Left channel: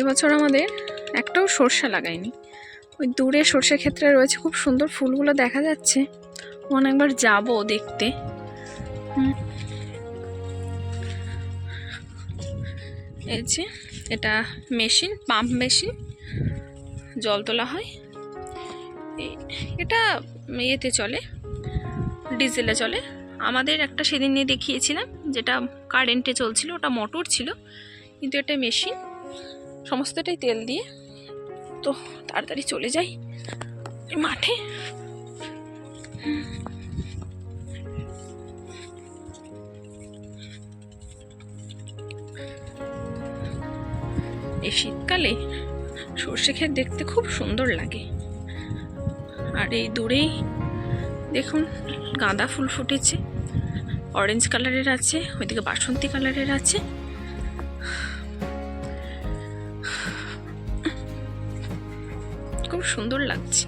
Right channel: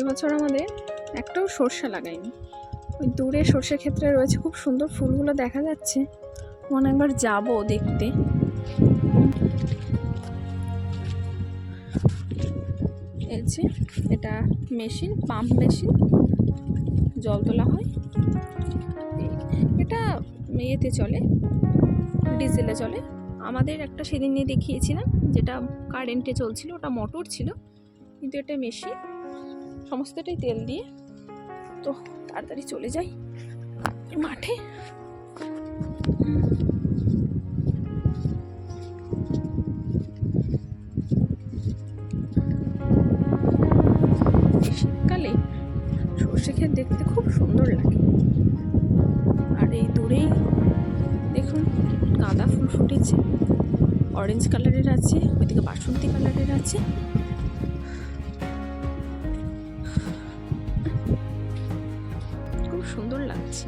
এবছর আমাদের একটাও সর্ষে লাগাইনি। ওই দূরে সর্ষে ক্ষেত্রে রয়েছে, খুব সুন্দর ফুলগুলো দেখা যাচ্ছে। অনেকবার যাব দেখতে। এই যে এটা মেশিন, পাম্প মেশিন, জল তোলা হয়। এটা ইয়েতে চলে, ডিজেলে চলে। আমাদের একটা সেদিন নিয়ে দেখিয়েছিলাম যেটা কারেন্টে চলছিল, ওটা মোটর ছিল, কিন্তু এটা মেশিন, সমস্তটাই তেল দিয়ে। তো তাড়াতাড়ি চলে যাই মাঠে। এই শীতকালে সর্ষে ক্ষেত দেখতে খুব সুন্দর লাগে। আর এই দূরেই দেখুন গাঁদা ফুল ফুটেছে, অরেঞ্জ কালারের আছে, ওইদিকে বাসন্তী কালারের আছে। খুব সুন্দর লাগছে।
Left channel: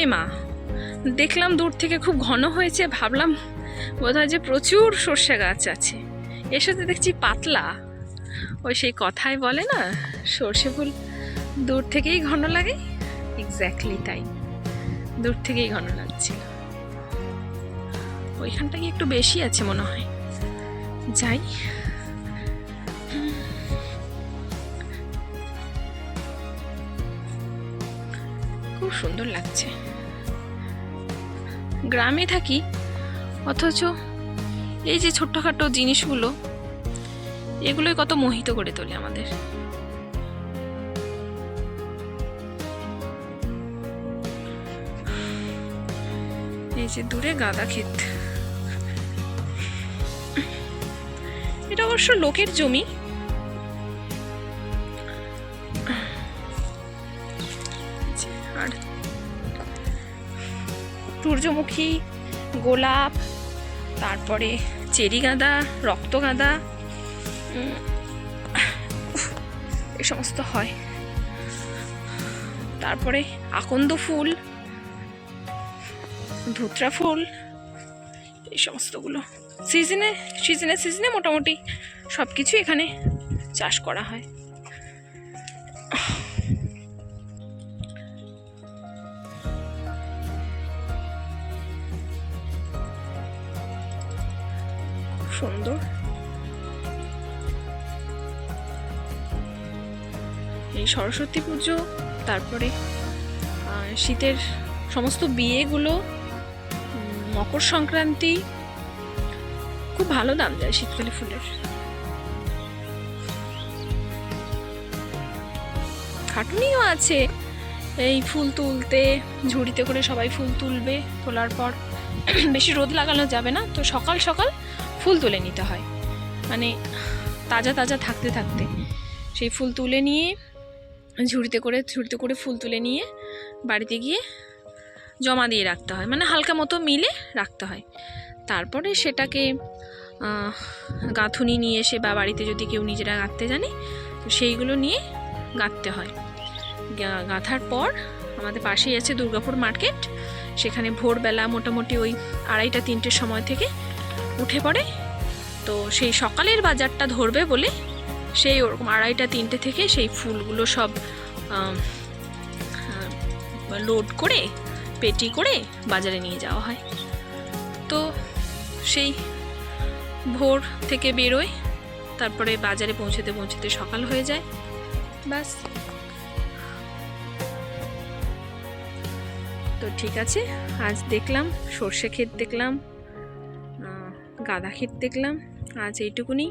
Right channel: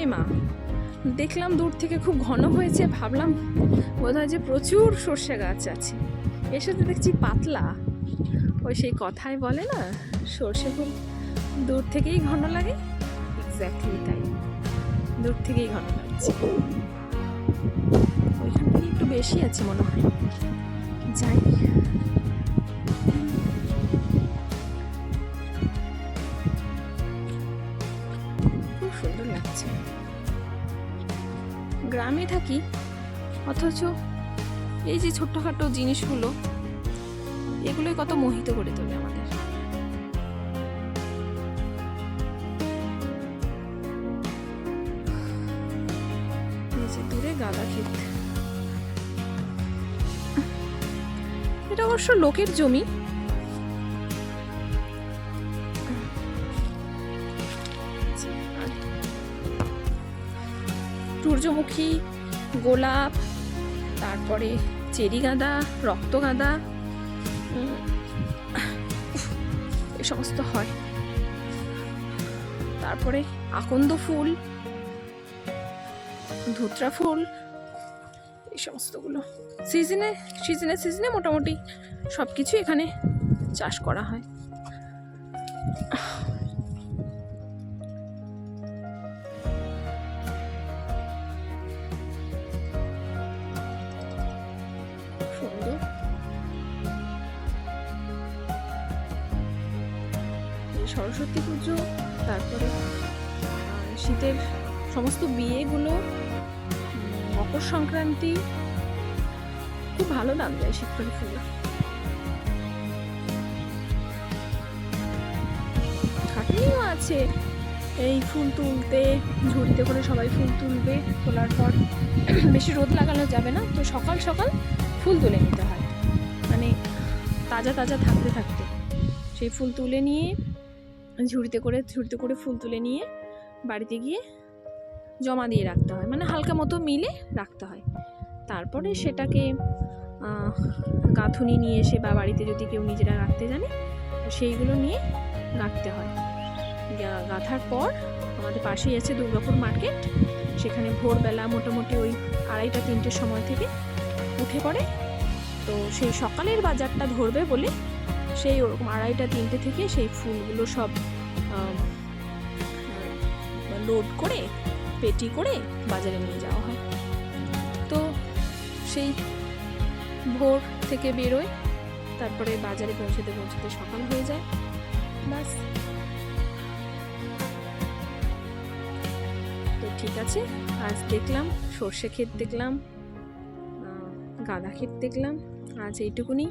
এ মা, দেখলাম দূর থেকে খুব ঘন হয়েছে, ভাবলাম বোধহয় যে প্রচুর সর্ষে গাছ আছে। এর সাথে দেখছি পাতলা। ওই সেই কথাই বলে না, সর্ষে ফুল দূর থেকেই ঘন লাগে। এক্স্যাক্টলি তাই, দূর থেকেই ঘন লাগছে। ওইখানটা কি একটু বেশি আছে মনে হয়, যাই। খুব সুন্দর লাগছে। গ্রামে থাকি, অথচ এই যে ছোট্টখাটো জিনিসগুলো, এগুলোই কত মোহিত করে তোলে আমাদের। এই যে দূরে গাঁদা ক্ষেত, এটা অবশ্য লোকের জমি। আর সূর্যমুখী, গোলাপ, তারপরে চেরি গাঁদা, রক্ত গাঁদা, এই সমস্ত হয়। তারপরে আকন্দ ফুল, ধুতরা ফুল, এই সমস্তগুলো সিজনে সিজনে সিজনে মোটামুটি সব কিছু এখানে চাষ করা হয়। সুন্দর। এই সরস্বতী পুজো, তারপরে শীতের সমস্ত বিয়েগুলো, মকর সংক্রান্তি, খুব ভালো দাম যায় শীতকালে ফুলের। খাটুনিও আছে এই ফুল তুলতে, ঝুড়িতে করে সবাই ফুল তুলবে। তোলার পর বেশি রোদ লাগানো যাবে না, তো সকাল সকাল ফুল তুলে নিতে হয়, মানে তাজা তাজা থাকতে থাকতে সেই ফুল তুলে নিয়ে ঝুড়িতে করে ফুল তুলে নিয়ে বাড়িতে গিয়ে জমা দিয়ে রাখতে হয়, মানে হালকা মতো মিলে রাখতে হয়। তারপরে সেটাকে গাঁথুনি নিয়ে এসে, বা বাড়িতে যদি কেউ নিজেরা গাঁথতে জানে তো সেইগুলো নিয়ে গাঁথতে হয়। গাঁথার পর আমাদের পাশেই আছে দুর্গাপুর মার্কেট, সেখানে ভোরবেলা মোটামুটি ওই 2:30-3টের সময় থেকে উঠে পড়ে। তো সেই সকালের বাজারটা ধরবে বলে সেই ওরকম 2:30-3টে থেকে সেই ফুলগুলো সব লোড করে পেটি করে বাজারে নিয়ে যাওয়া হয়। তো সেই ভোর থেকে বেরোয়, তারপরে বাজারে পৌঁছতে পৌঁছতে সকাল হয়ে যায়, ব্যাস। তো ঠিক আছে, আজ দেখলাম সর্ষে ক্ষেত, দেখলাম গাঁদা ক্ষেত, দেখলাম। আজ এইটুকুনি।